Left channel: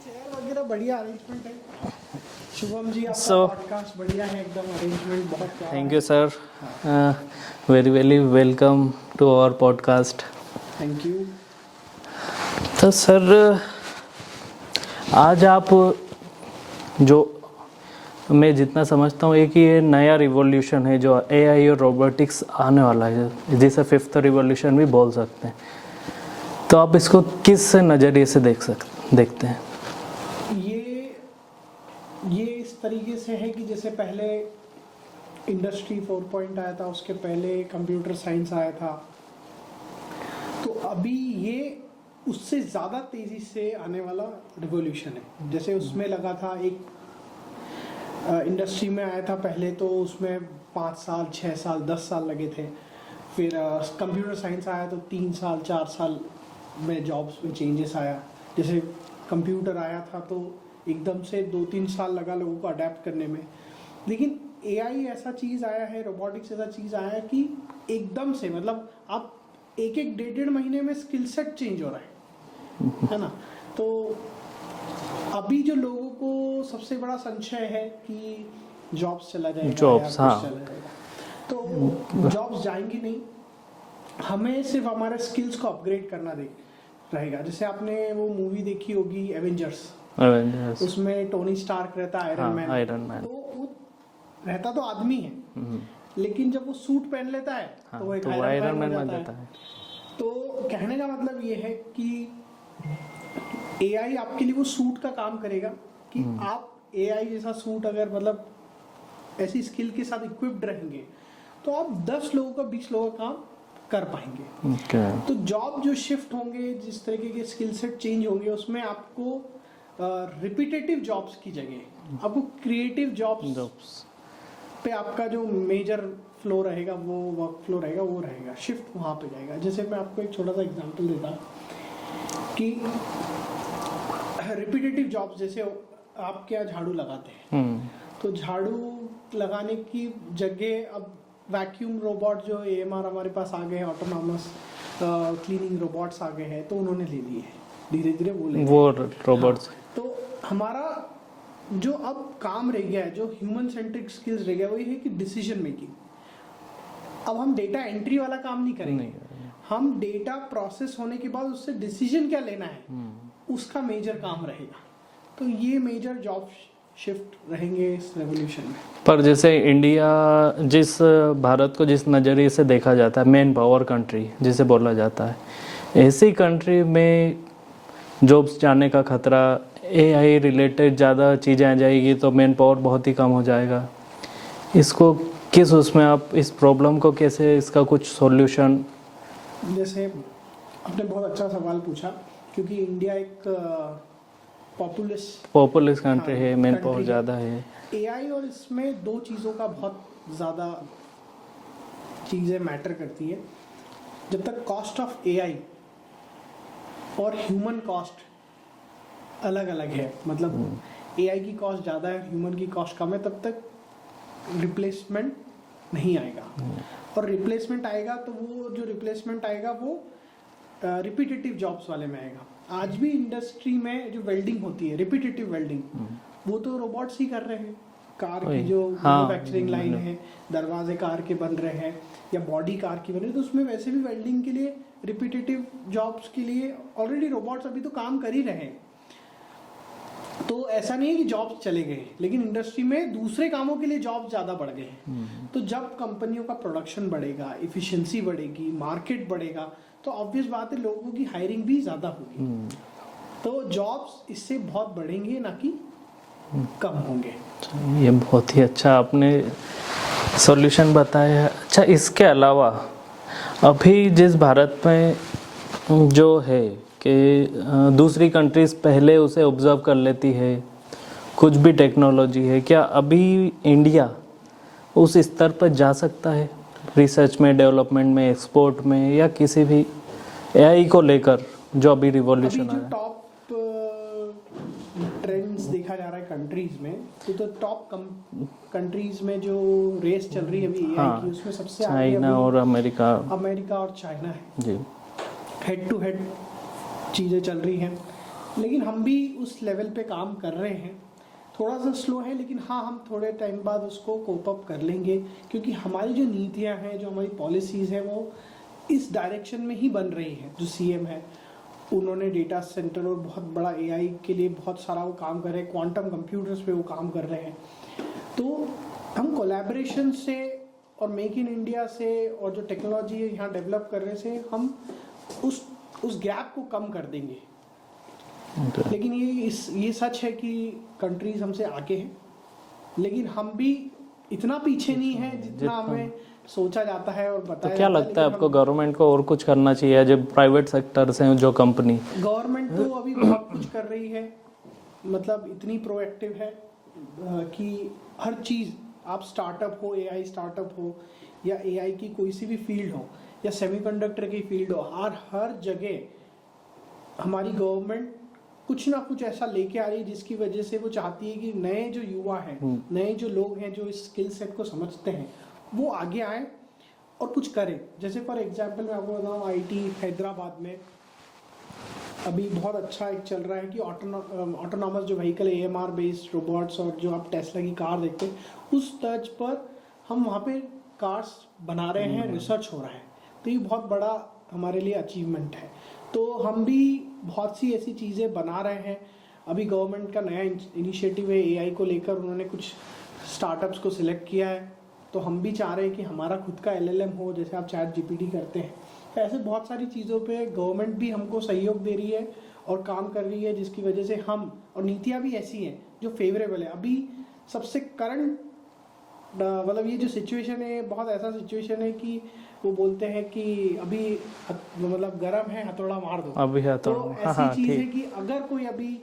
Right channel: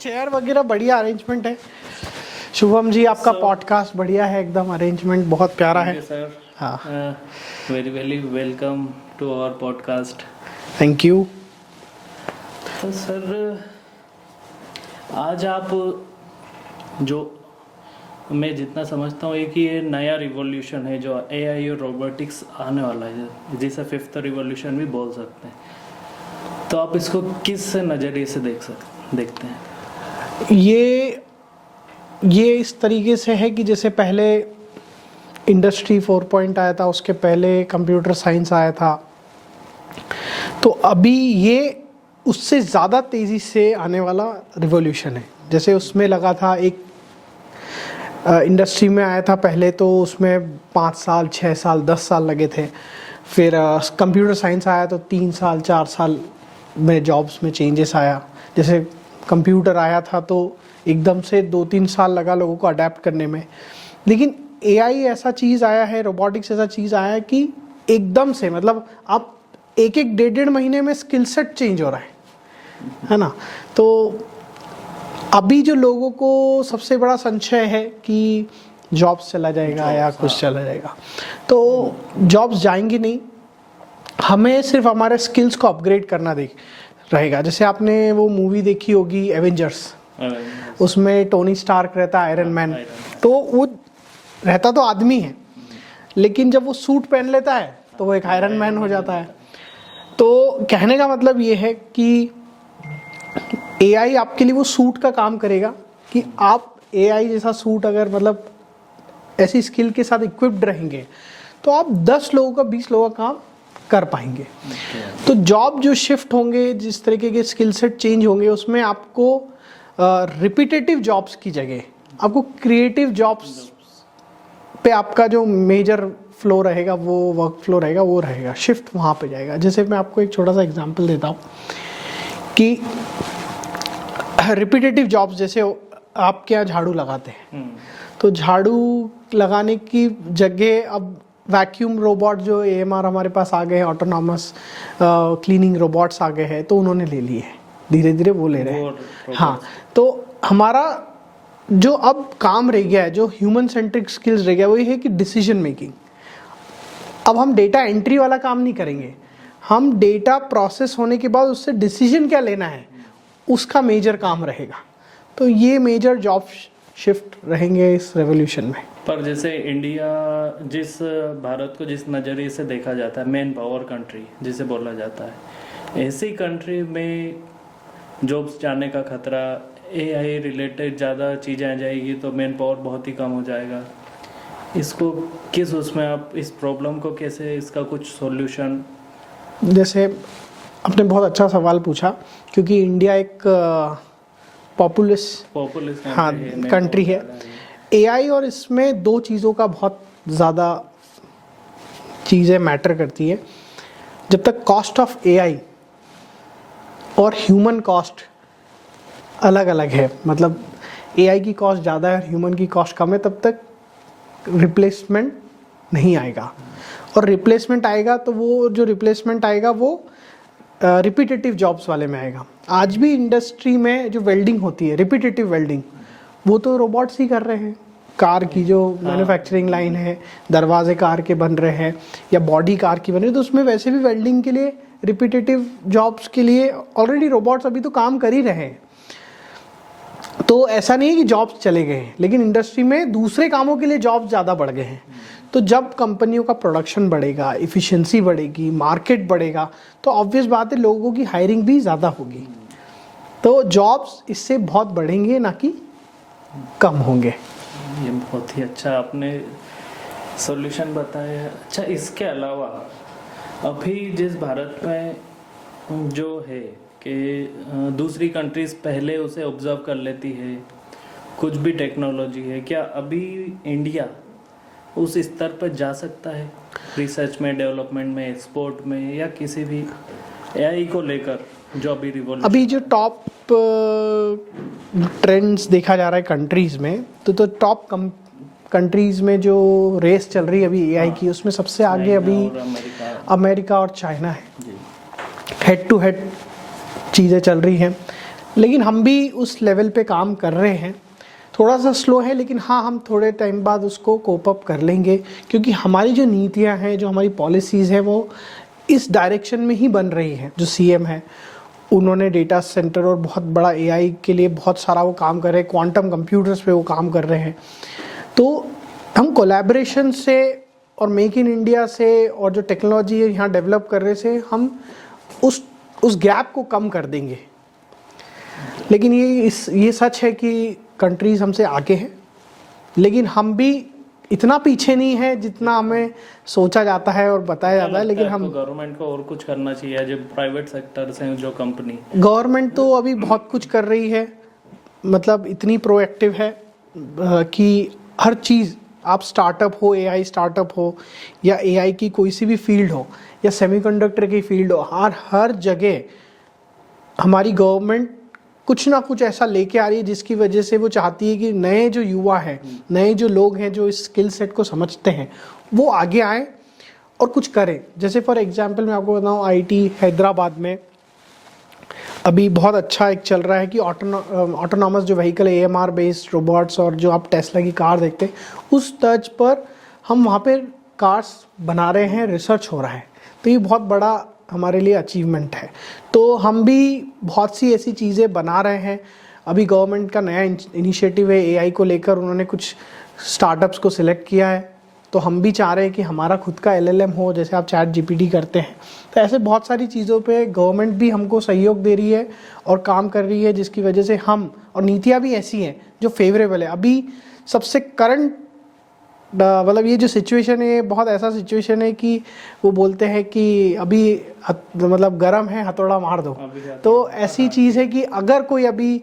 Chair वगैरह बढ़िया arrangement है। शुभम जी आपका पॉडकास्ट बढ़िया है, एकदम अरेंजमेंट बहुत प्यारा है। सर हाँ, very very welcome to our podcast. Thank you. तो सर आज आप जो मैं जितना समझता हूँ कि ये नया रिवॉल्यूशन है जो एआई और रोबोटिक्स आने वाला है, जिसे फिफ्थ रिवॉल्यूशन भी बोल सकते हैं। तो आप इसको किस नज़रिए से देखते हैं? ये इस तरीके से है कि जैसे पहले इंडस्ट्री 4.0 आया था, उसके पहले कंप्यूटर साइंस आया था, तो अभी ये उससे ज़्यादा तेज़ी से आने वाला रिवॉल्यूशन है। जैसे उसमें लगा था एक इंडस्ट्री में आया था पहले, तो उसमें 5 साल 6 साल 10 साल लगे थे। फिर कंप्यूटर साइंस आया तो 3 साल 4 साल में जॉब्स में चेंजेस आया। जैसे कंप्यूटर आया था तो एकदम से 2-3 साल लगा लोगों को अडेप्ट करने में, लेकिन एआई ऐसा चीज़ आया है, रोबोटिक्स ऐसा चीज़ आया है कि एकदम से, मतलब आप एक 1.5 महीने में स्किल सेट चेंज हो रहा है ना। तो अभी जो लोगों को सबसे बड़ा संशय है कि जॉब्स चला जाएगा या कुछ चला जाएगा, तो जॉब्स जाएंगी नहीं, हमें सिर्फ हमारे स्किल्स को अपग्रेड करना रहेगा। जैसे आपने वो मूवी देखी होगी एवेंजर्स, उसमें टोनी स्टार्क रहता है, आयरन मैन। तो वो रहता तो आदमी है, लेकिन जब वो सूट पहन लेता है तो वो एक आयरन मैन हो जाता है। तो कहने का मतलब ये है कि एआई आपके लिए वो सूट का काम करेगा कि आप एआई जैसा सूट अगर मतलब ऐसी स्किल के साथ इक्विप्ड रहेंगे तो आप 10 लोगों का 20 लोगों का काम कर पाएंगे। तो जॉब जो शिफ्ट होंगे, जिस तरीके के स्किल सेट चेंज होंगे, उसमें आपको रिपीटेटिव जॉब्स की जगह आपको क्रिएटिव जॉब्स पे आपका जो मेजर फ्लो रहेगा, वो वर्क फ्लो रहेगा, वो रहेगा, शिफ्ट वहाँ पे जाएगा। जैसे मैं आपको एक छोटा सा एग्जांपल देता हूँ कि रिपीटेटिव जॉब्स, जैसे आपके यहाँ झाड़ू लगाते हैं, तो झाड़ू लगाने की जगह अब वैक्यूम रोबोट जो एएमआर हमारे पास आ गए हैं, ऑटोनॉमस क्लीनिंग रोबोट्स आ गए हैं, तो उन्होंने ले लिए हैं, धीरे धीरे वो ले रहे हैं। हाँ, तो हमारा जो अब काम रह गया है, जो ह्यूमन सेंट्रिक स्किल्स रह गया, वो ये है कि डिसीजन मेकिंग। अब हम डेटा एंट्री वाला काम नहीं करेंगे, हम डेटा प्रोसेस होने के बाद उससे डिसीजन क्या लेना है, उसका मेजर काम रहेगा। तो ये मेजर जॉब शिफ्ट रहेंगे इस रेवोल्यूशन में। पर जैसे इंडिया, भारत को जिस नज़रिए से देखा जाता है, मेन पावर कंट्री जिसे बोला जाता है, ऐसी कंट्री में जॉब्स जाने का खतरा, एआई रिलेटेड ज़्यादा चीज़ें आ जाएगी तो मैन पावर बहुत ही कम हो जाएगा। इसको किस उसमें आप इस प्रॉब्लम को कैसे, इसका कुछ सॉल्यूशन? जैसे आपने बहुत अच्छा सवाल पूछा, क्योंकि इंडिया एक पॉपुलस कंट्री है। एआई और इसमें 2 चीज़ों का बहुत ज़्यादा चीज़ें मैटर करती है। जब तक कॉस्ट ऑफ एआई और ह्यूमन कॉस्ट अलग अलग है, मतलब एआई की कॉस्ट ज़्यादा है और ह्यूमन की कॉस्ट कम है, तब तक रिप्लेसमेंट नहीं आएगा। और रिप्लेसमेंट आएगा तो वो जो रिप्लेसमेंट आएगा वो रिपीटेटिव जॉब्स वाले में आएगा। आज भी इंडस्ट्री में जो वेल्डिंग होती है, रिपीटेटिव वेल्डिंग, वो तो रोबोट्स ही कर रहे हैं। कार की जो मैन्युफैक्चरिंग लाइन है, दरवाजे कार के बन रहे हैं या बॉडी कार की बन रही है, तो उसमें वैसे भी वेल्डिंग के लिए, रिपीटेटिव जॉब्स के लिए ऑलरेडी रोबोट्स अभी तो काम कर ही रहे हैं। तो ऐसा नहीं है कि जॉब्स चले गए हैं, लेकिन इंडस्ट्री में दूसरे कामों के लिए जॉब्स ज़्यादा बढ़ गए हैं। तो जब कंपनियों का प्रोडक्शन बढ़ेगा, इफिशिएंसी बढ़ेगी, मार्केट बढ़ेगा, तो ऑब्वियस बात है लोगों की हायरिंग भी ज़्यादा होगी। तो जॉब्स इससे बहुत बढ़ेंगे, ना कि कम होंगे। ये बहुत ही अच्छा आपने सॉल्यूशन बताया। अच्छा, इसके अलावा अभी जिस भारत में जो है कि दूसरी कंट्रीज पहले उसे ऑब्जर्व कर लेती है, कुछ भी टेक्नोलॉजी है, क्या अभी इंडिया उस स्तर पर जा सकता है रिसर्च में, डेवलपमेंट में, एक्सपोर्ट में, या किसी भी एआई को लेकर जो अभी रिवॉल्यूशन? अभी जो टॉप ट्रेंड्स देखा जा रहा है कंट्रीज में, तो टॉप कंट्रीज में जो रेस चल रही है अभी एआई की, उसमें सबसे आगे अभी और अमेरिका और चाइना है। हेड टू हेड चीज़ें चल रही हैं। लेकिन हम भी उस लेवल पे काम कर रहे हैं। थोड़ा सा स्लो है, लेकिन हाँ, हम थोड़े टाइम बाद उसको कोप अप कर लेंगे, क्योंकि हमारी जो नीतियाँ हैं, जो हमारी पॉलिसीज़ हैं, वो इस डायरेक्शन में ही बन रही हैं। जो सीएम है, उन्होंने डेटा सेंटर और बहुत बड़ा एआई के लिए बहुत सारा वो काम कर रहे हैं, क्वांटम कंप्यूटर्स पे वो काम कर रहे हैं। तो हम कोलैबोरेशन से और मेक इन इंडिया से और जो टेक्नोलॉजी है यहाँ डेवलप करने से हम उस गैप को कम कर देंगे। लेकिन ये सच है कि कंट्रीज हमसे आगे हैं, लेकिन हम भी इतना पीछे नहीं है जितना हमें सोचा जाता है और बताया जाता है। लेकिन हम गवर्नमेंट को और कुछ करना चाहिए, जब प्राइवेट सेक्टर से जो कंपनी, गवर्नमेंट तो अभी बहुत कुछ कर रही है, मतलब इतनी प्रोएक्टिव है कि हर चीज़, आप स्टार्टअप हो, एआई स्टार्टअप हो या एआई की कोई सी भी फील्ड हो या सेमीकंडक्टर की फील्ड हो, हर जगह हमारी गवर्नमेंट कुछ ना कुछ ऐसा लेके आ रही है जिसकी वजह से वो चाहती है कि नए जो युवा हैं, नए जो लोग हैं जो इस स्किल सेट को समझते हैं, वो आगे आए और कुछ करें। जैसे फॉर एग्जांपल मैं आपको बताऊं, आईटी हैदराबाद में अभी बहुत अच्छा एक चल रहा है कि ऑटोनॉमस जो व्हीकल, एएमआर बेस्ड रोबोट्स, और जो आप टेस्ला की कार देखते हैं, उस तर्ज पर हम वहाँ पे कार्स बना रहे हैं, रिसर्च हो रहा है। तो ये बहुत बड़ा हमारे लिए अचीवमेंट है। तो हम भी बहुत सी ऐसी चीज़ें बना रहे हैं। अभी गवर्नमेंट का नया इनिशिएटिव है एआई को लेकर, उन्होंने कुछ स्टार्टअप्स को सिलेक्ट किया है। तो हम भी चाह रहे हैं कि हमारा खुद का एलएलएम हो, जैसे आप चैट जीपीटी करते हैं। तो ऐसे बहुत सारी चीज़ों पे गवर्नमेंट भी हमको सहयोग दे रही है और काम कर रही है, जिसकी वजह से हम, और नीतियाँ भी ऐसी हैं जो फेवरेबल है। अभी सबसे करंट मतलब ये जो सिचुएशन है, ये बहुत ऐसा सिचुएशन है कि वो बोलते हैं कि अभी मतलब गर्म है, हथौड़ा मार दो। तो ऐसी चीज़ है कि अगर कोई अभी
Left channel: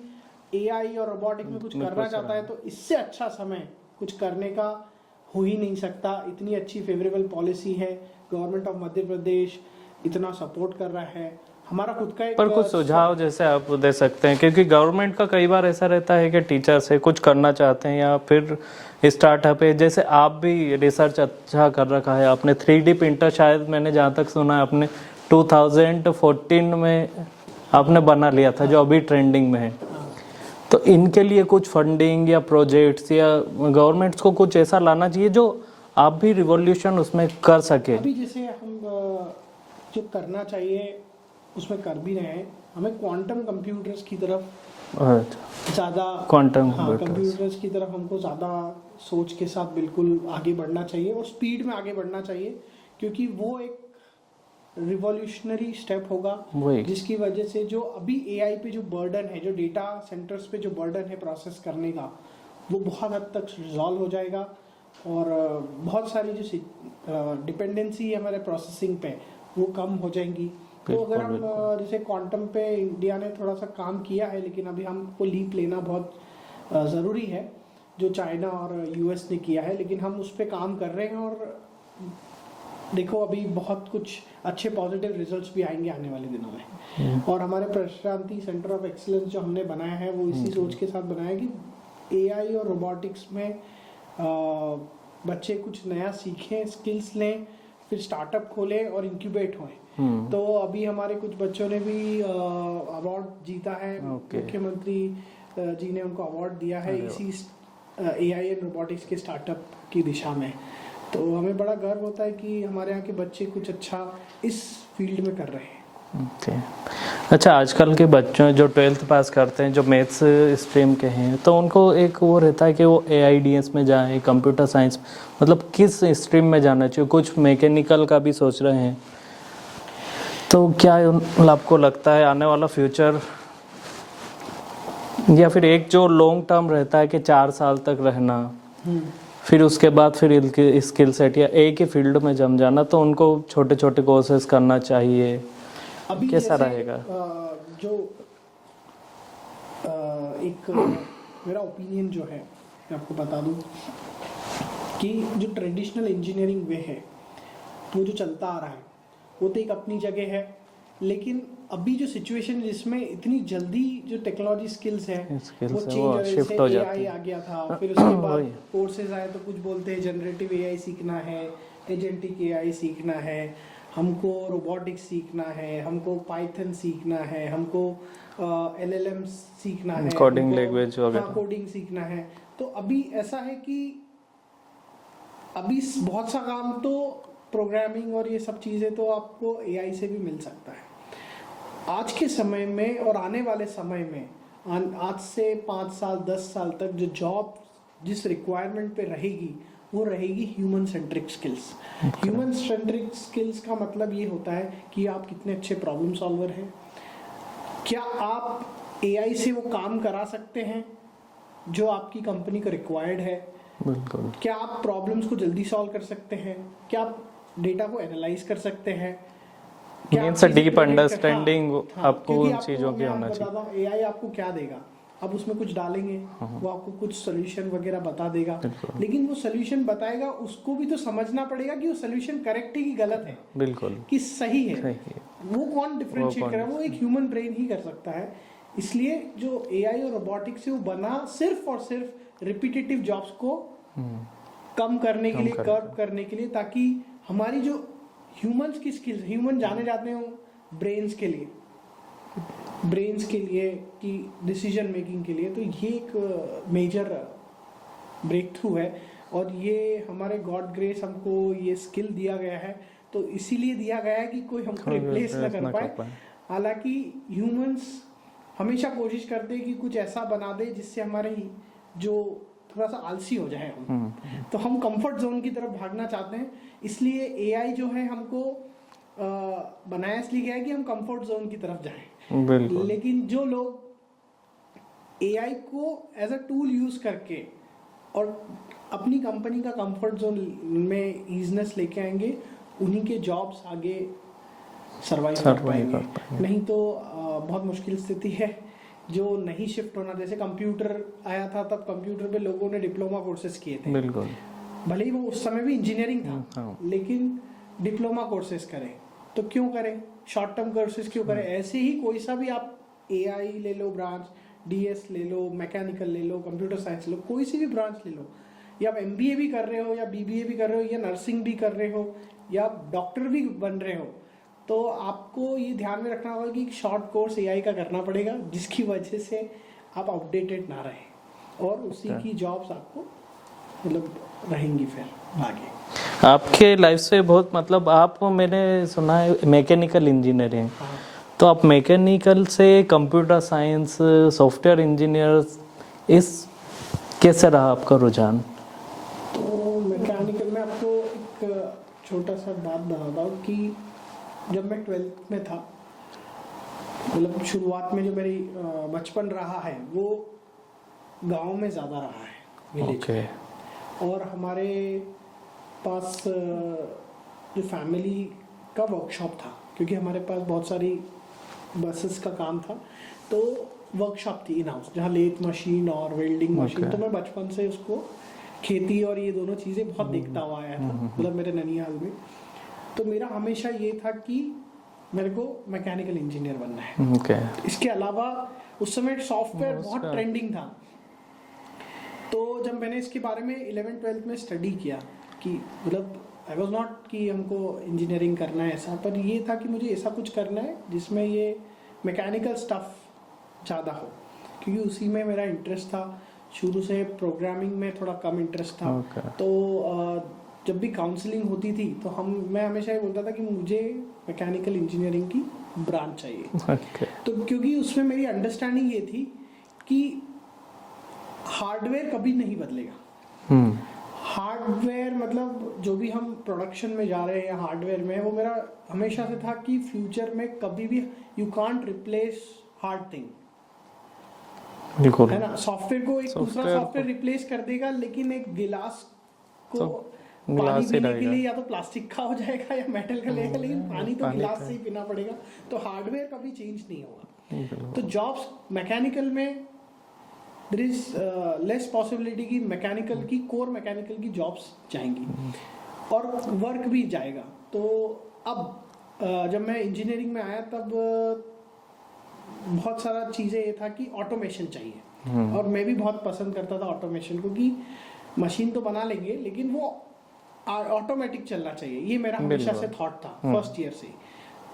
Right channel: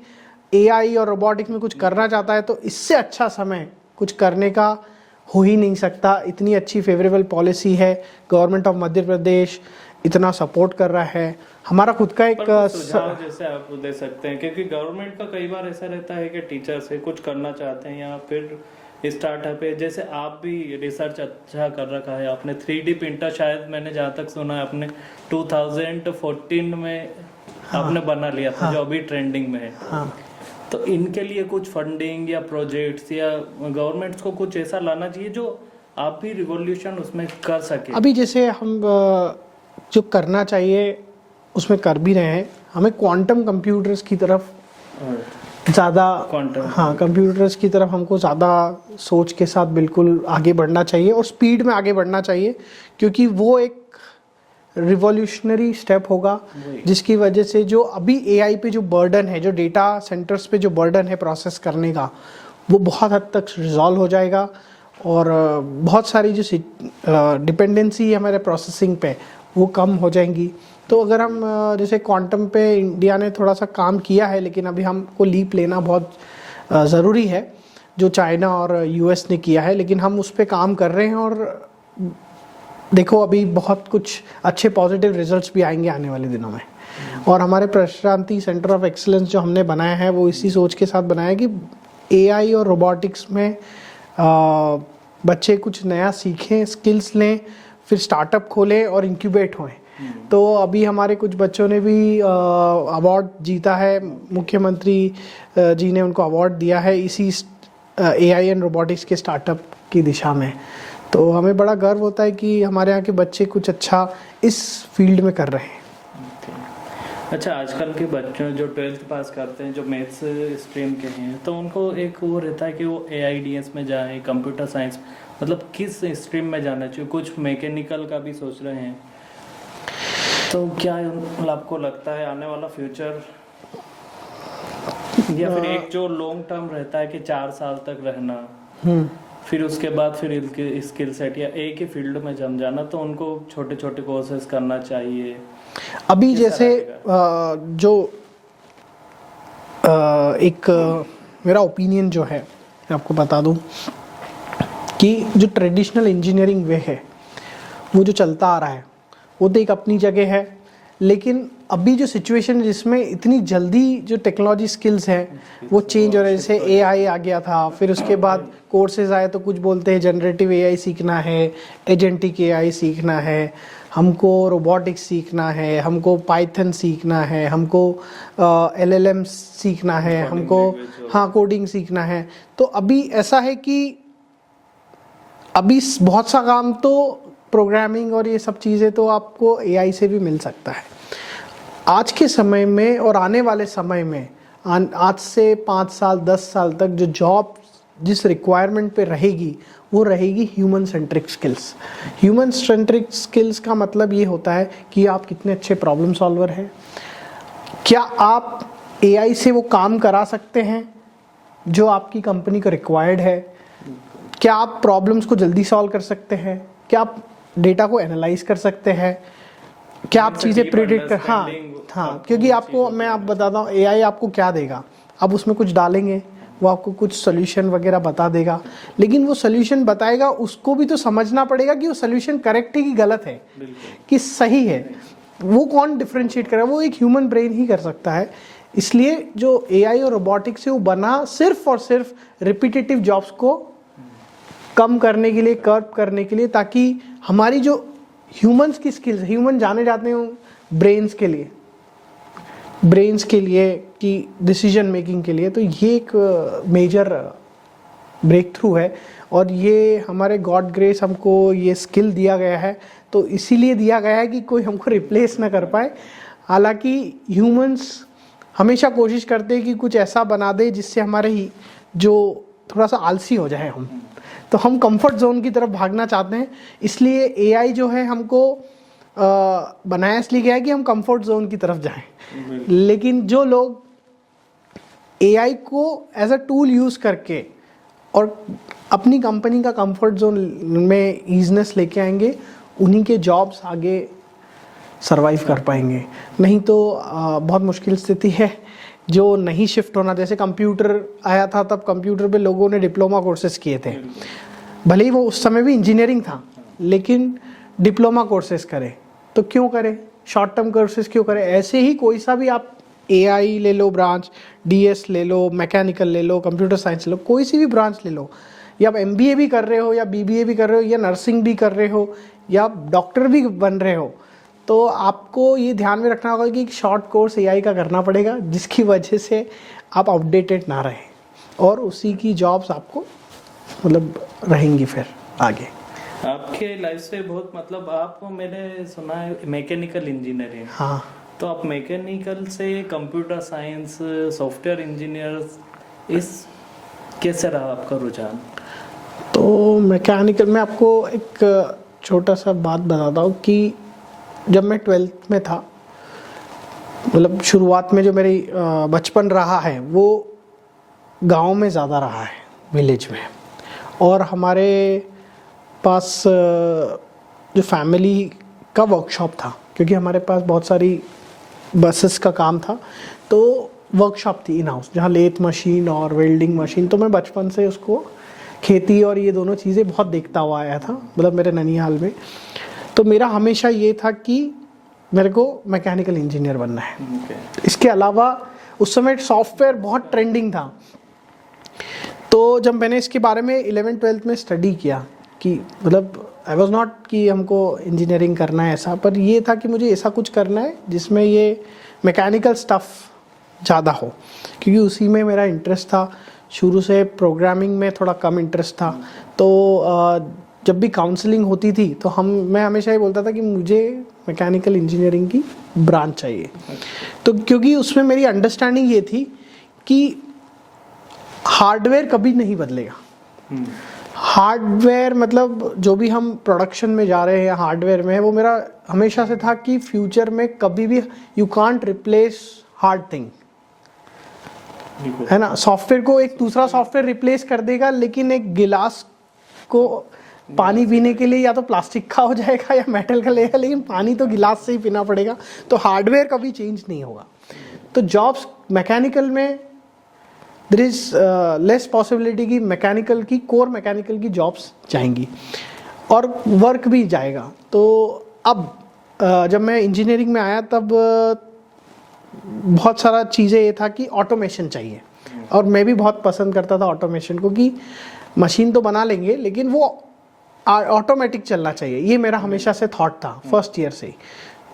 एआई और रोबोटिक्स में कुछ करना चाहता है तो इससे अच्छा समय कुछ करने का हो ही नहीं सकता। इतनी अच्छी फेवरेबल पॉलिसी है, गवर्नमेंट ऑफ मध्य प्रदेश इतना सपोर्ट कर रहा है। हमारा खुद का एक सुझाव जैसे आप दे सकते हैं, क्योंकि गवर्नमेंट का कई बार ऐसा रहता है कि टीचर्स है कुछ करना चाहते हैं या फिर स्टार्टअप है, जैसे आप भी रिसर्च अच्छा कर रखा है आपने, 3D प्रिंटर शायद मैंने जहाँ तक सुना है आपने 2014 में आपने बना लिया था, जो अभी ट्रेंडिंग में है। तो इनके लिए कुछ फंडिंग या प्रोजेक्ट्स या गवर्नमेंट्स को कुछ ऐसा लाना चाहिए जो आप भी रिवॉल्यूशन उसमें कर सके। अभी जैसे हम जो करना चाहिए उसमें कर भी रहे हैं। हमें क्वांटम कंप्यूटर्स की तरफ ज़्यादा, कंप्यूटर्स की तरफ हमको ज़्यादा सोच के साथ बिल्कुल आगे बढ़ना चाहिए और स्पीड में आगे बढ़ना चाहिए, क्योंकि वो एक रिवॉल्यूशनरी स्टेप होगा, जिसकी वजह से जो अभी एआई पे जो बर्डन है, जो डेटा सेंटर्स पे जो बर्डन है प्रोसेस करने का, वो बहुत हद तक रिजॉल्व हो जाएगा और बहुत सारी जो डिपेंडेंसी है हमारे प्रोसेसिंग पे, वो कम हो जाएंगी। तो अगर हम जैसे क्वांटम पे इंडिया ने थोड़ा सा काम किया है, लेकिन अभी हमको लीप लेना बहुत ज़रूरी है, जो चाइना और यूएस ने किया है, लेकिन हम उस पर काम कर रहे हैं और देखो अभी बहुत कुछ अच्छे पॉजिटिव रिजल्ट्स भी आएंगे आने वाले दिनों में। और हमारे प्रशांति सेंटर ऑफ एक्सीलेंस जो हमने बनाया है, वो इसी सोच के साथ बनाया है कि एआई और रोबोटिक्स में बच्चे कुछ नया सीखें, स्किल्स लें, फिर स्टार्टअप खोलें और इंक्यूबेट होएं। तो अभी हमारे कुछ बच्चों ने भी अवार्ड जीता है, मुख्यमंत्री जी ने उनको अवार्ड दिया है इसी एआई एंड रोबोटिक्स के स्टार्टअप की दिशा में। तो हमें बड़ा गर्व होता है कि हमारे यहाँ के बच्चे कुछ अच्छा इस फील्ड में कर रहे हैं। अच्छा, आजकल के बच्चों जो 12th पास करते हैं, जो मैथ्स स्ट्रीम के हैं, तो उनको एक वो रहता है कि वो AIDS में जाएं, कंप्यूटर साइंस, मतलब किस स्ट्रीम में जाना चाहिए। कुछ मैकेनिकल का भी सोच रहे हैं। तो क्या आपको लगता है आने वाला फ्यूचर, या फिर एक जो लॉन्ग टर्म रहता है कि 4 साल तक रहना, फिर उसके बाद फिर स्किल सेट या एक ही फील्ड में जम जाना, तो उनको छोटे छोटे कोर्सेज करना चाहिए? अभी जैसे जो एक मेरा ओपिनियन जो है, मैं आपको बता दूं कि जो ट्रेडिशनल इंजीनियरिंग वे है, वो जो चलता आ रहा है, वो तो एक अपनी जगह है, लेकिन अभी जो सिचुएशन है जिसमें इतनी जल्दी जो टेक्नोलॉजी स्किल्स है वो चेंज हो रहे हैं। जैसे एआई आ गया था, फिर उसके बाद कोर्सेज आए, तो कुछ बोलते हैं जनरेटिव एआई सीखना है, एजेंटिक एआई सीखना है, हमको रोबोटिक्स सीखना है, हमको पाइथन सीखना है, हमको LLM सीखना है, Coding language हमको वगैरह। हाँ कोडिंग सीखना है। तो अभी ऐसा है कि अभी बहुत सा काम तो प्रोग्रामिंग और ये सब चीज़ें तो आपको AI से भी मिल सकता है। आज के समय में और आने वाले समय में आज से 5 साल 10 साल तक जो जॉब जिस रिक्वायरमेंट पे रहेगी वो रहेगी human centric skills. Human centric skills का मतलब ये होता है कि आप कितने अच्छे प्रॉब्लम सॉल्वर हैं, क्या आप AI से वो काम करा सकते हैं जो आपकी कंपनी को रिक्वायर्ड है, बिल्कुल। क्या आप प्रॉब्लम्स को जल्दी सॉल्व कर सकते हैं, क्या आप डेटा को एनालाइज कर सकते हैं, क्या आप चीजें प्रेडिक्ट कर हाँ क्योंकि आपको मैं आप बताता हूँ AI आपको क्या देगा, आप उसमें कुछ डालेंगे वो आपको कुछ सोल्यूशन वगैरह बता देगा, लेकिन वो सोल्यूशन बताएगा उसको भी तो समझना पड़ेगा कि वो सोल्यूशन करेक्ट है कि गलत है, बिल्कुल कि सही है। वो कौन डिफरेंशिएट करे, वो एक ह्यूमन ब्रेन ही कर सकता है। इसलिए जो AI और रोबोटिक्स है वो बना सिर्फ और सिर्फ रिपीटेटिव जॉब्स को कम करने के लिए, कर्व करने के लिए, ताकि हमारी जो ह्यूमंस की स्किल्स, ह्यूमन जाने जाते हैं ब्रेन्स के लिए, ब्रेन्स के लिए कि डिसीजन मेकिंग के लिए। तो ये एक मेजर ब्रेक थ्रू है और ये हमारे गॉड ग्रेस हमको ये स्किल दिया गया है, तो इसीलिए दिया गया है कि कोई हमको रिप्लेस ना कर पाए। हालांकि ह्यूमंस हमेशा कोशिश करते हैं कि कुछ ऐसा बना दे जिससे हमारे ही जो थोड़ा सा आलसी हो जाए हम, तो हम कंफर्ट जोन की तरफ भागना चाहते हैं। इसलिए AI जो है हमको बनाया इसलिए गया है कि हम कंफर्ट जोन की तरफ जाएं। लेकिन जो लोग AI को एज अ टूल यूज करके और अपनी कंपनी का कंफर्ट जोन में ईजनेस लेके आएंगे, उन्हीं के जॉब्स आगे सरवाइव कर पाएंगे। नहीं तो बहुत मुश्किल स्थिति है जो नहीं शिफ्ट होना। जैसे कंप्यूटर आया था तब कंप्यूटर पे लोगों ने डिप्लोमा कोर्सेज किए थे, भले ही वो उस समय भी इंजीनियरिंग था, लेकिन डिप्लोमा कोर्सेज करे तो क्यों करे, शॉर्ट टर्म कोर्सेज क्यों करे। ऐसे ही कोई सा भी आप AI ले लो ब्रांच, DS ले लो, मैकेनिकल ले लो, कंप्यूटर साइंस ले लो, कोई सी भी ब्रांच ले लो, या आप MBA भी कर रहे हो या BBA भी कर रहे हो या नर्सिंग भी कर रहे हो या आप डॉक्टर भी बन रहे हो, तो आपको ये ध्यान में रखना होगा कि एक शॉर्ट कोर्स AI का करना पड़ेगा जिसकी वजह से आप अपडेटेड ना रहें और उसी की जॉब्स आपको मतलब रहेंगी फिर आगे। आपके लाइफ से बहुत मतलब आप, मैंने सुना है मैकेनिकल इंजीनियरिंग, हाँ, तो आप मैकेनिकल से कंप्यूटर साइंस, सॉफ्टवेयर इंजीनियर, इस कैसे रहा आपका रुझान? तो मैकेनिकल में आपको एक छोटा सा बात बताता हूँ कि जब मैं 12th में था, मतलब शुरुआत में जो मेरी बचपन रहा है वो गांव में ज़्यादा रहा है, विलेज में। और हमारे पास जो फैमिली का वर्कशॉप था, क्योंकि हमारे पास बहुत सारी बसेस का काम था, तो वर्कशॉप थी इन हाउस जहाँ लेथ मशीन और वेल्डिंग मशीन। तो मैं बचपन से उसको खेती और ये दोनों चीज़ें बहुत देखता हुआ आया था, मतलब मेरे ननिहाल में। तो मेरा हमेशा ये था कि मेरे को मैकेनिकल इंजीनियर बनना है। इसके अलावा उस समय सॉफ्टवेयर बहुत ट्रेंडिंग था, तो जब मैंने इसके बारे में 11th 12th में स्टडी किया कि मतलब आई वॉज नॉट कि हमको इंजीनियरिंग करना है ऐसा, पर ये था कि मुझे ऐसा कुछ करना है जिसमें ये मैकेनिकल स्टफ़ ज़्यादा हो, क्योंकि उसी में मेरा इंटरेस्ट था। शुरू से प्रोग्रामिंग में थोड़ा कम इंटरेस्ट था। तो जब भी काउंसलिंग होती थी तो मैं हमेशा ये बोलता था कि मुझे मैकेनिकल इंजीनियरिंग की ब्रांच चाहिए। तो क्योंकि उसमें मेरी अंडरस्टैंडिंग ये थी कि हार्डवेयर कभी नहीं बदलेगा। हार्डवेयर मतलब जो भी हम प्रोडक्शन में जा रहे हैं हार्डवेयर में, वो मेरा हमेशा से था कि फ्यूचर में कभी भी you can't replace hard thing, है ना। सॉफ्टवेयर को एक दूसरा सॉफ्टवेयर रिप्लेस कर देगा, लेकिन एक गिलास को पानी पीने के लिए या तो प्लास्टिक का हो जाएगा या मेटल का लेगा, लेकिन पानी तो गिलास से ही पीना पड़ेगा। तो हार्डवेयर कभी चेंज नहीं होगा। तो जॉब्स मैकेनिकल में देयर इज लेस पॉसिबिलिटी कि मैकेनिकल की कोर मैकेनिकल की जॉब्स जाएंगी और वर्क भी जाएगा। तो अब जब मैं इंजीनियरिंग में आया तब बहुत सारा चीज़ें ये था कि ऑटोमेशन चाहिए, और मैं भी बहुत पसंद करता था ऑटोमेशन को, कि मशीन तो बना लेंगे लेकिन वो ऑटोमेटिक चलना चाहिए, ये मेरा हमेशा से थॉट था फर्स्ट ईयर से ही।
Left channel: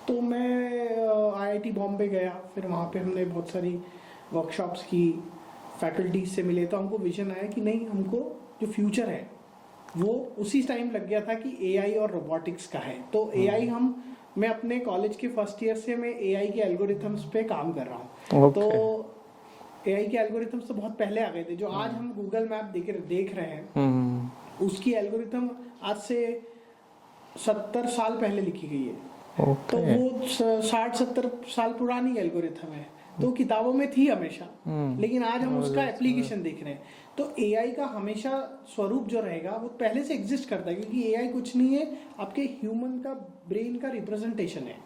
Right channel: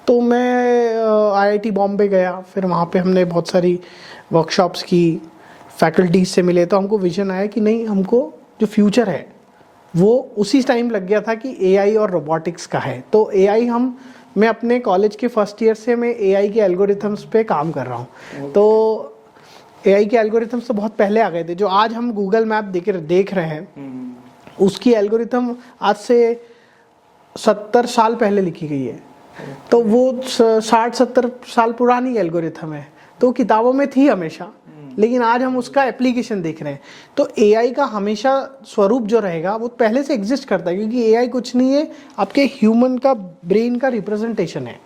तो मैं आईआईटी बॉम्बे गया, फिर वहाँ पे हमने बहुत सारी वर्कशॉप्स की, फैकल्टीज से मिले, तो हमको विजन आया कि नहीं, हमको जो फ्यूचर है वो उसी टाइम लग गया था कि एआई और रोबोटिक्स का है। तो एआई मैं अपने कॉलेज के फर्स्ट ईयर से मैं एआई के एल्गोरिथम्स पे काम कर रहा हूँ। तो एआई के एल्गोरिथम्स तो बहुत पहले आ गए थे, जो आज हम गूगल मैप देख रहे हैं उसकी एल्गोरिथम आज से 70 साल पहले लिखी गई है। तो वो 60-70 साल पुरानी एल्गोरिथम है, तो किताबों में थी हमेशा, लेकिन आज हम उसका एप्लीकेशन देख रहे हैं। तो एआई का हमेशा स्वरूप जो रहेगा वो पहले से एग्जिस्ट करता है, क्योंकि एआई कुछ नहीं है, आपके ह्यूमन का ब्रेन का रिप्रेजेंटेशन है।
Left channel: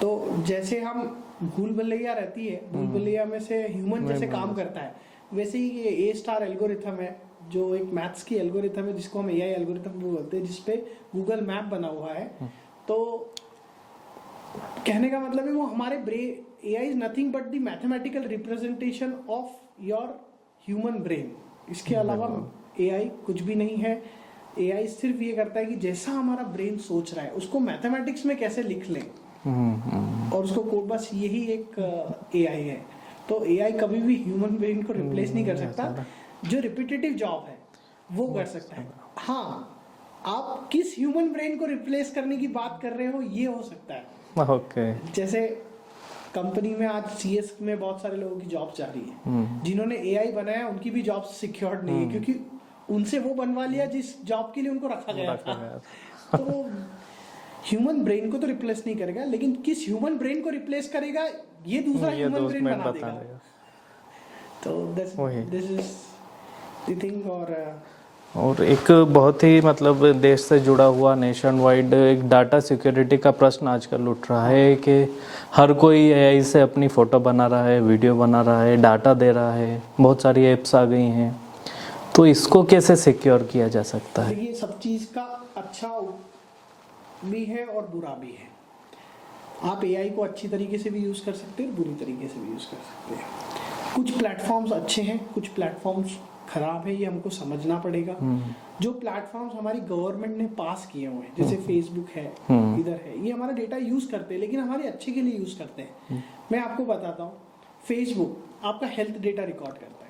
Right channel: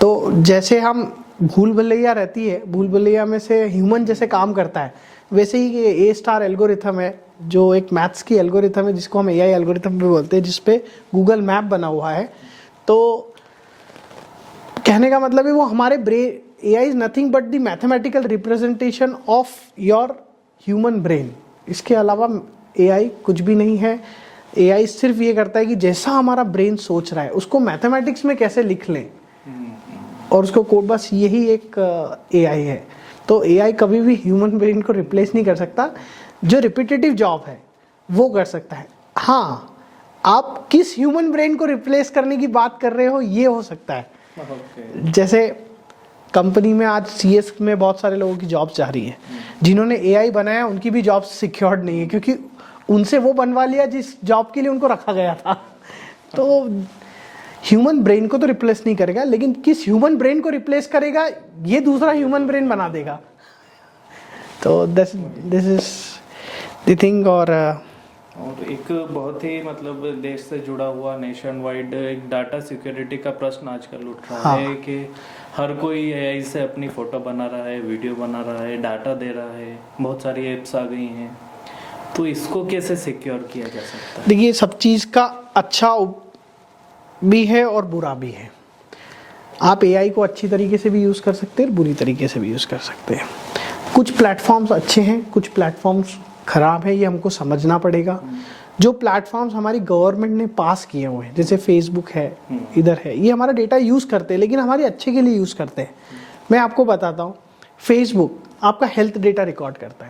तो जैसे हम भूल भुलैया रहती है, भूल भुलैया में से ह्यूमन जैसे काम करता है, वैसे ही ये A* एल्गोरिथम है, जो एक मैथ्स की एल्गोरिथम है, जिसको हम एआई एल्गोरिथम भी बोलते हैं, जिसपे गूगल मैप बना हुआ है। तो कहने का मतलब है वो हमारे brain, AI is nothing but the mathematical representation of your human brain. इसके अलावा एआई कुछ भी नहीं है। एआई सिर्फ ये करता है कि जैसा हमारा ब्रेन सोच रहा है उसको मैथमेटिक्स में कैसे लिख लें, और उसको कोड, बस यही एक एआई है। तो एआई कभी भी ह्यूमन ब्रेन को रिप्लेस नहीं कर सकता। जो रिपीटेटिव जॉब है वो कर सकता है। हाँ, आप किस ह्यूमन ब्रेन को रिप्लेस करने की बात कर रहे हो ये हो सकता है। जैसे कंपनी में आज सीएस में बहुत सारे लोगों की जॉब्स जा रही है, जिन्होंने एआई बनाया उनकी भी जॉब सिक्योर्ड नहीं है, क्योंकि उनसे वो बनवा लिया जिस जॉब के लिए उनको रखा गया था। तो ह्यूमन ब्रेन को तो रिप्लेस नहीं करेगा, लेकिन किस ह्यूमन ब्रेन को रिप्लेस करेगा ये दूसरा ह्यूमन ब्रेन बना देगा। तो दिस इज द थिंग। और एक बहुत ही मतलब देश से जुड़ा हुआ नेशन वाइड एक डाटा सिक्योरिटी का प्रश्न आजकल उठ रहा है कि हर कोई एआई से अपनी फोटो बना रहा है, वीडियो बना रहा है, डाटा दे रहा है, बहुत सारी एप्स आ गई हैं, तो इसको कैसे सिक्योर किया जा सकता है? देखिए, सब चीज़ का अच्छा भी है और बुरा भी है। आप एआई को अच्छी तरीके से भी यूज़ कर सकते हैं, बुरी तरीके से भी यूज़ कर सकते हैं। कुछ प्लेटफॉर्म्स अच्छे हैं, कुछ प्लेटफॉर्म्स खराब है, ये हमको समझना पड़ेगा। जो प्लेटफॉर्म्स हमारी गवर्नमेंट ने पास किए हुए हैं, जैसे फेसबुक है, इधर है, ये हमारा डेटा यूज़ करते हैं, लेकिन हमारे अच्छे के लिए यूज़ करते हैं। मैं आपको बताता हूँ, फेसबुक आपका हेल्थ डेटा रिकॉर्ड करता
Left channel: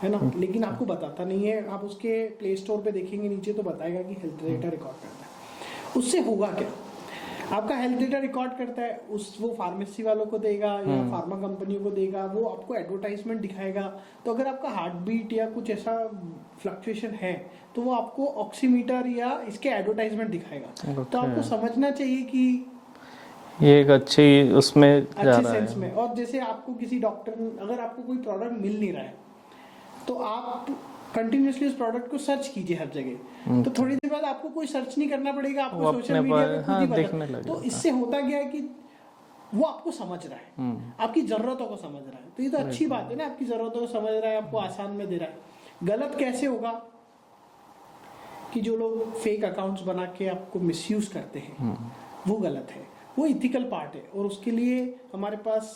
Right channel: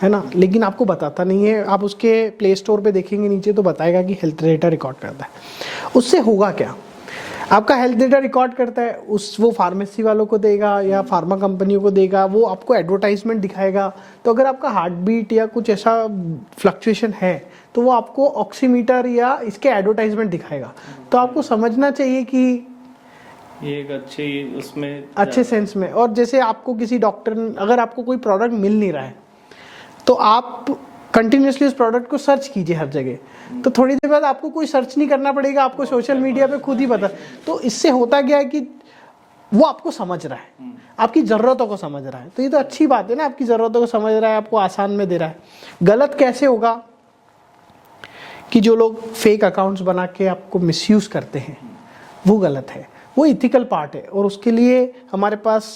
है ना, लेकिन आपको बताता नहीं है। आप उसके प्ले स्टोर पे देखेंगे नीचे तो बताएगा कि हेल्थ डेटा रिकॉर्ड करता है। उससे होगा क्या? आपका हेल्थ डेटा रिकॉर्ड करता है, वो फार्मेसी वालों को देगा या फार्मा कंपनियों को देगा, वो आपको एडवर्टाइजमेंट दिखाएगा। तो अगर आपका हार्ट बीट या कुछ ऐसा फ्लक्चुएशन है तो वो आपको ऑक्सीमीटर या इसके एडवर्टाइजमेंट दिखाएगा। तो आपको समझना चाहिए कि ये एक अच्छी उसमें अच्छे सेंस में। और जैसे आपको किसी डॉक्टर, अगर आपको कोई प्रोडक्ट मिल नहीं रहा है तो आप कंटिन्यूसली उस प्रोडक्ट को सर्च कीजिए हर जगह। तो थोड़ी देर बाद आपको कोई सर्च नहीं करना पड़ेगा, आपको सोशल मीडिया पे खुद ही पता। तो इससे होता क्या है कि वो आपको समझ रहा है, आपकी जरूरतों को समझ रहा है। तो ये तो अच्छी बात है ना, आपकी जरूरतों को समझ रहा है, आपको आसान में दे रहा है। गलत कैसे होगा कि जो लोग फेक अकाउंट्स बना के आपको मिसयूज करते हैं, वो गलत है। वो इथिकल पार्ट है, और उसके लिए हमारे पास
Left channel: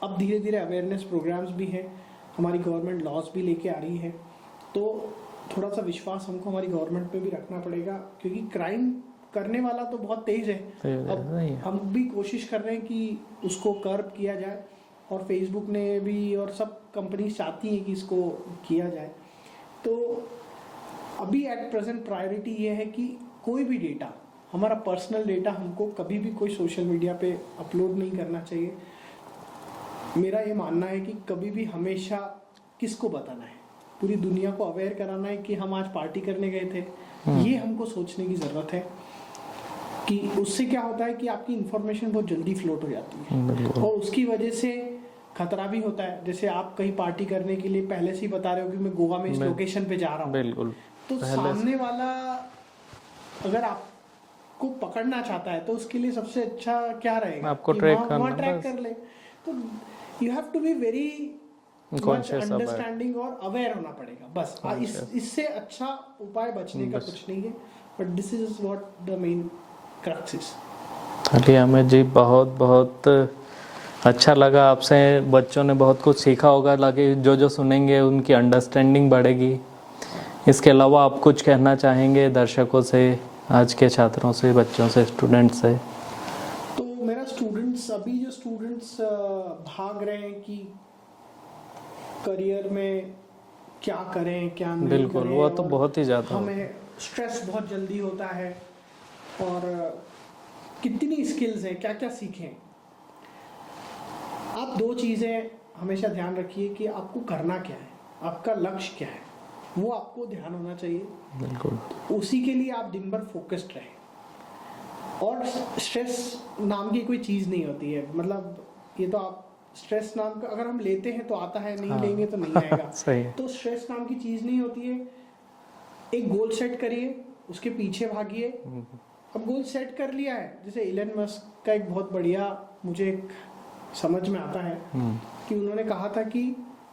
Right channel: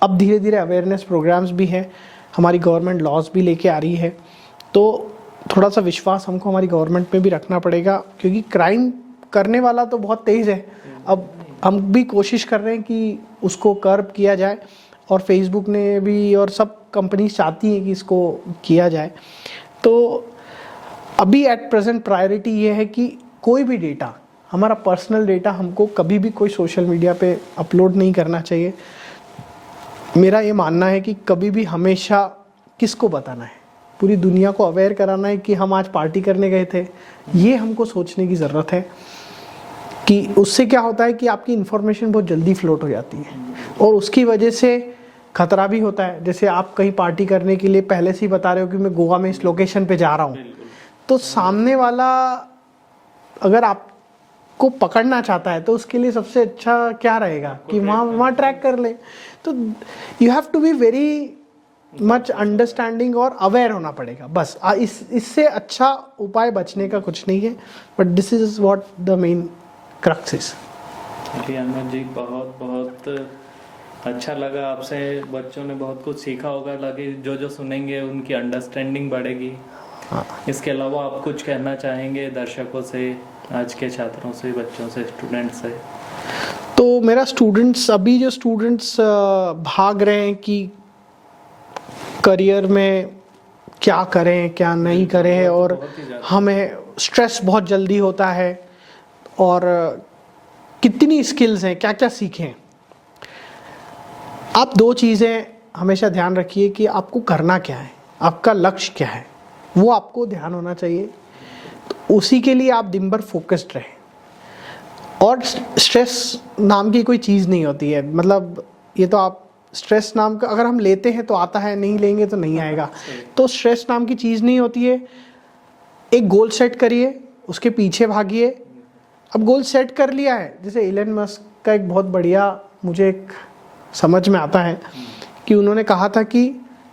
अब धीरे धीरे अवेयरनेस प्रोग्राम्स भी हैं, हमारी गवर्नमेंट लॉज भी लेके आ रही है। तो थोड़ा सा विश्वास हमको हमारी गवर्नमेंट पे भी रखना पड़ेगा, क्योंकि क्राइम करने वाला तो बहुत तेज है। अब हम भी कोशिश कर रहे हैं कि उसको कर्ब किया जाए, और फेसबुक ने भी और सब कंपनी चाहती हैं कि इसको किया जाए। तो अभी एट प्रेजेंट प्रायोरिटी ये है कि कोई भी डेटा, हमारा पर्सनल डेटा, हमको कभी भी कोई सोशल मीडिया पे अपलोड नहीं करना चाहिए। मेरा ये मानना है कि कभी भी हमेशा किसको बताना है, पूरी दुनिया को अवेयर कराना है कि हम आज पार्टी करने गए थे, ये हमको सोचने की ज़रूरत है। कि उससे क्या होता है कि आपकी इन्फॉर्मेशन बहुत जल्दी फ्लोट हो जाती है, और उसकी वजह से खतरा भी होता है। जैसे आप कहीं पार्टी करने के लिए पहले से ही बता रहे हो कि मैं गोवा में इस लोकेशन पे जा रहा हूँ, तो सामने वाला अगर आपको पकड़ना चाहता है तो उसके लिए सबसे अच्छा क्या रहेगा कि वहाँ ट्रैक कर ले। तो you have to be very much understanding और अवेयर होना पड़ेगा, बस। इससे अच्छा उपाय बचने का कुछ नहीं है। But this is what the main crux is. चलिए अमित जी, बहुत बहुत अच्छा लगा आपसे। बच्चों ने बहुत कुछ सीखा होगा, लगे जो सुनेंगे उनकी अंडरस्टैंडिंग बढ़ेगी। इसके अलावा आप कुछ कहना चाहेंगे दर्शकों से, आज के छात्रों से, बच्चों से, स्टूडेंट्स से? तो मेरा स्टूडेंट्स, अभी जो स्टूडेंट्स भाग रहे हैं कि करियर में क्या करें क्या नहीं करें, वो तो और बहुत ही ज़्यादा हमें स्ट्रेस बहुत जल्दी होता है, और कितनी स्किल्स हैं, क्या क्या सीखें। आप दो चीज़ें हमेशा ध्यान रखिए कि आपको करना क्या है, आपका लक्ष्य क्या है, वो आपको ध्यान होना चाहिए। तो उसी के लिए आप दिन भर फोकस्ड रहें। और स्ट्रेस नाम की कोई चीज़ नहीं होती है, मतलब ये तो आप स्ट्रेस नाम का अगर हम लेते हैं तो आता है, नहीं लेंगे तो नहीं आएगा। तो स्ट्रेस नाम की चीज़ नहीं होती है। एक गोल सेट करिए, उसके पीछे भागिए। अब गोल सेट कर लिया है, जैसे इलन मस्क का एक बहुत बढ़िया मुझे एक समझ में आता है कि उन्होंने कहा था कि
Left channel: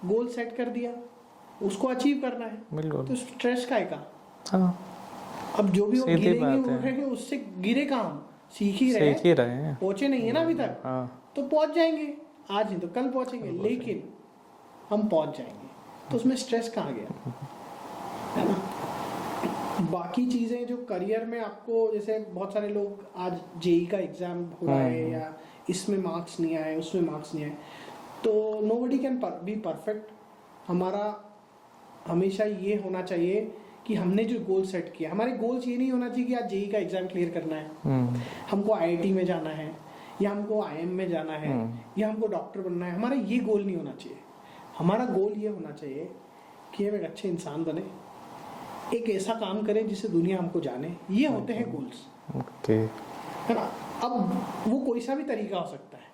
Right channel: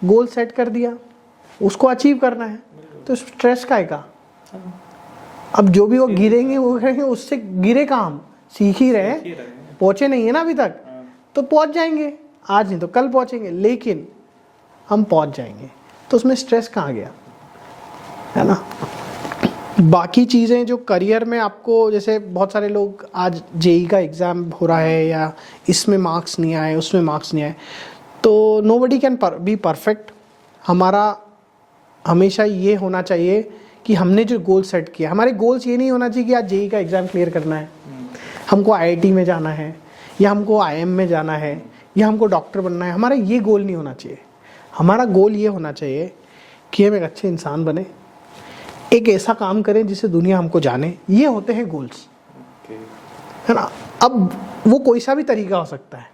गोल सेट कर दिया, उसको अचीव करना है, तो स्ट्रेस का है। अब जो भी वो गिरेंगे वो कहेंगे, उससे गिरे काम सीख ही रहे हैं, पहुंचे नहीं है ना अभी तक, तो पहुंच जाएंगे, आज नहीं तो कल पहुंचेंगे, लेकिन हम पहुंच जाएंगे। तो उसमें स्ट्रेस कहाँ गया, है ना। बाकी चीज़ें जो करियर में आपको, जैसे बहुत सारे लोग आज जेई का एग्ज़ाम हो रहा है या इसमें मार्क्स नहीं आए, उसमें मार्क्स नहीं आए, तो नोबडी कैन बी परफेक्ट। हमारा हमेशा ये होना चाहिए कि हमने जो गोल सेट किया, हमारे गोल्स ये नहीं होना चाहिए कि आज जेई का एग्ज़ाम क्लियर करना है, हमको आईआईटी में जाना है, या हमको आईएम में जाना है, या हमको डॉक्टर बनना है। हमारा ये गोल नहीं होना चाहिए। हमारा गोल ये होना चाहिए कि हम एक अच्छे इंसान बने, एक ऐसा काम करें जिससे दुनिया हमको जाने। ये होते हैं गोल्स, है ना। अब वो कोई सा भी तरीका हो सकता है।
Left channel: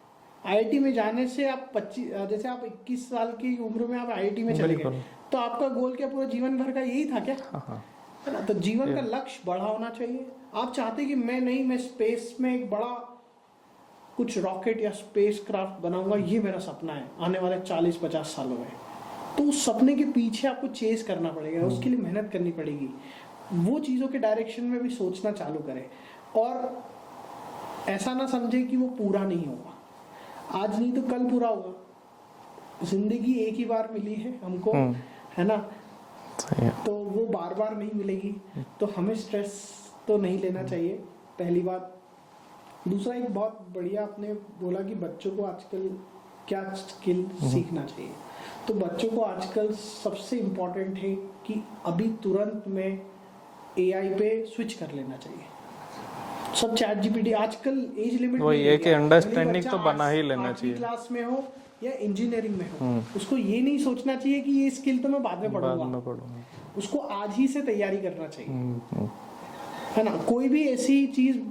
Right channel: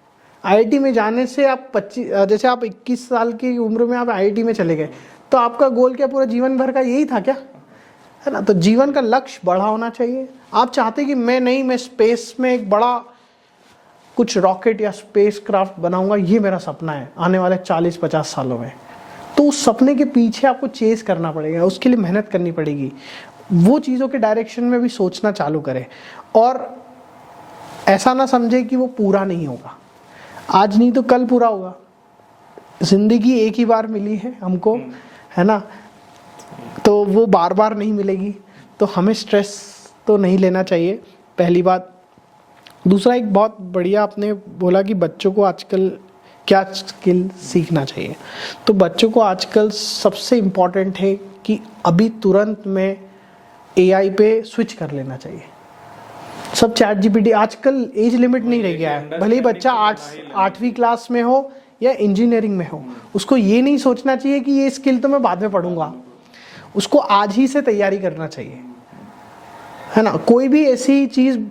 आईआईटी में जाने से आप 25, जैसे आप 21 साल की उम्र में आप आईआईटी में चले गए, तो आपका गोल क्या पूरा जीवन भर का यही था क्या, है ना। तो जीवन का लक्ष्य बड़ा होना चाहिए। आप चाहते कि मैं स्पेस में एक बड़ा कुछ रॉकेट या स्पेस क्राफ्ट बनाऊंगा, ये मेरा सपना है आने वाले 40-50 सालों में, तो उस सपने के पीछे आपको चेस करना पड़ेगा, उसके लिए मेहनत करनी पड़ेगी। वो चीज़ों के डायरेक्शन में भी सोचना चालू करें, और ऐसा ना समझे कि वो पूरा नहीं होगा, आज नहीं तो कल पूरा होगा। जिंदगी एक ही बार मिली है हमको, है ना, तो वो बार बार नहीं मिलेगी। तो हमें स्ट्रेस तो नहीं लेना चाहिए, पहली बात। दूसरा, एक बहुत बढ़िया आपने बोला कि बच्चों को आजकल क्या स्किल सीखना चाहिए। तो बच्चों को आजकल सबसे इम्पॉर्टेंट है कि अभी तुरंत में एआई पे स्विच कर लेना चाहिए। सब चैट जीपीटी, आजकल एज लिमिट नहीं रह गया है। भले बच्चा 8वीं क्लास में हो या इंजीनियरिंग में हो, उसको ये नहीं सोचना चाहिए कि ये स्किल तो मैं बाद में पढ़ूंगा, उसको आज ही से तैयारी करना चाहिए, है ना। कोई भी ऐसी चीज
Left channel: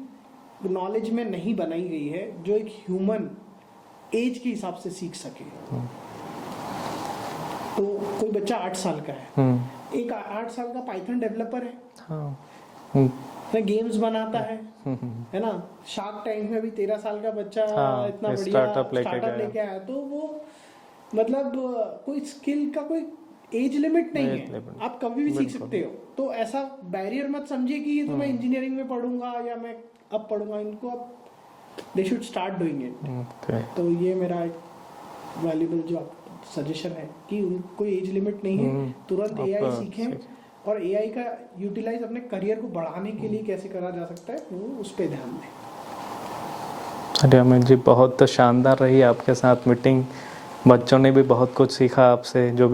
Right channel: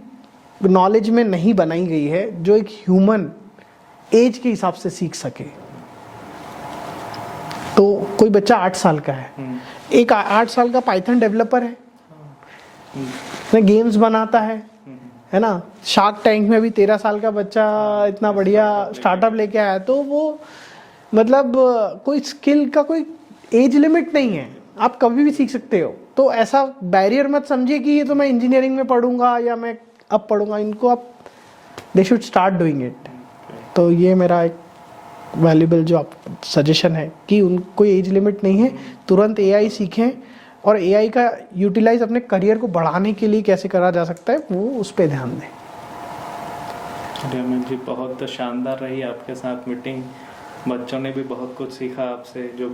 नॉलेज में नहीं बनाई गई है जो एक ह्यूमन एज के हिसाब से सीख सके। तो कोई बच्चा 8 साल का है, एक 8 साल का पाइथन डेवलपर है, गेम्स बनाता है ना। शार्क टैंक में भी 13 साल का बच्चा इतना बढ़िया स्टार्टअप लेके आया। तो वो मतलब कोई स्किल का कोई एज लिमिट नहीं है, आप कभी भी सीख सकते हो। तो ऐसा बैरियर मत समझिए कि ये तो मैं इंजीनियरिंग में पढ़ूंगा या मैं अब पढ़ूंगा, इनको आप they should start doing it. तो ये मेरा एक वैल्यूबल जो आप सजेशन है कि उनको एज लिमिट नहीं है, तुरंत एआई सीखें, और एआई का यूटिलाइज अपने करियर को बढ़ाने के लिए कैसे करा जा सकता है वो उस पर ध्यान दें। चलिए अमित जी, बहुत शानदार रही आपके साथ मीटिंग। बच्चों ने भी बहुत कुछ सीखा आपसे, जो भी